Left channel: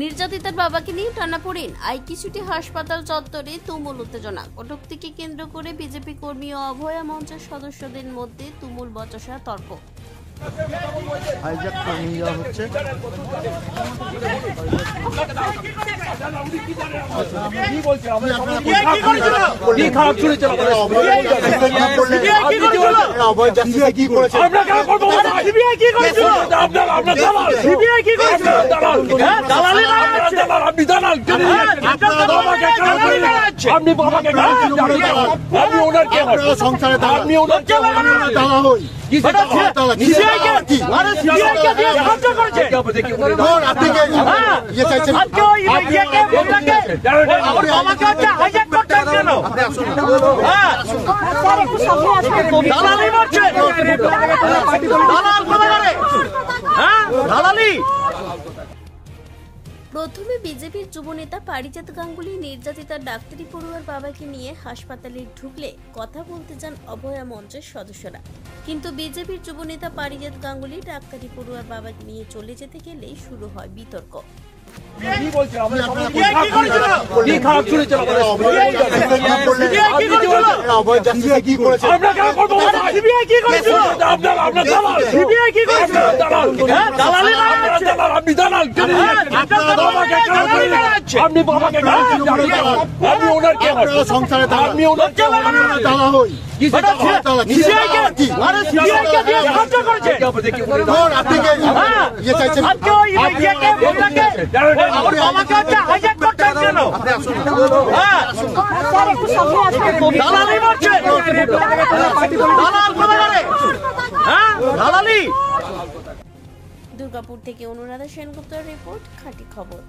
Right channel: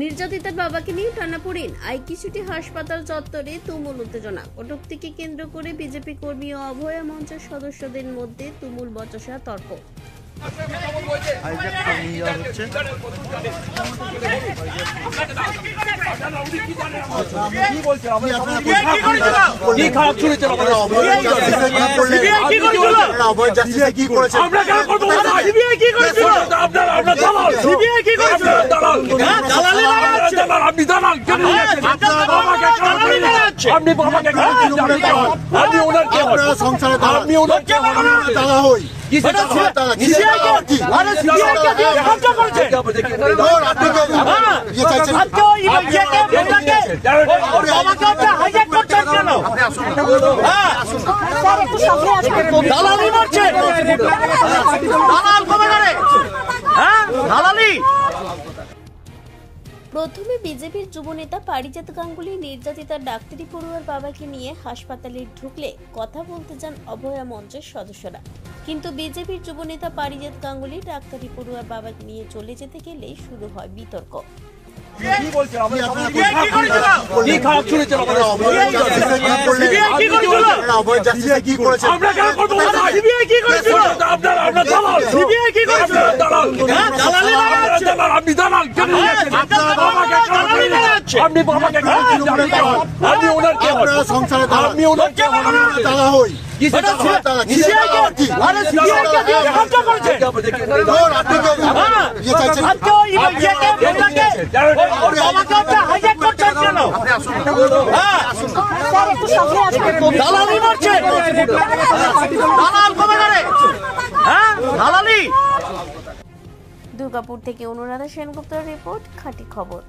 নির্যাতিতার বাবাকে নিয়ে টানাপোড়েন আইকিছুটি হাসপাতাল চত্বরে তুমুল উত্তেজনা। কটূক্তিকে কেন্দ্র করে বিজেপি কর্মী ও অভয়া মঞ্চের সদস্যদের মধ্যে তুমুল বচসা তর্ক। প্রথমে বিজেপির যুবনেতা পারিজাত গাঙ্গুলি নির্যাতিতার ডাক্তারি পড়ুয়ার বাবাকে নিয়ে হাসপাতালে ঢুকলে কথা বলতে যান অভয়া মঞ্চের সদস্যরা, কিন্তু বিজেপির যুবনেতা পারিজাত গাঙ্গুলি ডাক্তারি পড়ুয়ার বাবাকে নিয়ে চলে যেতে গেলেই শুরু হয় বিতর্ক। দুর্গাপুর থেকে অনুরাধা সেনগুপ্তের রিপোর্ট, খাঁটি খবর।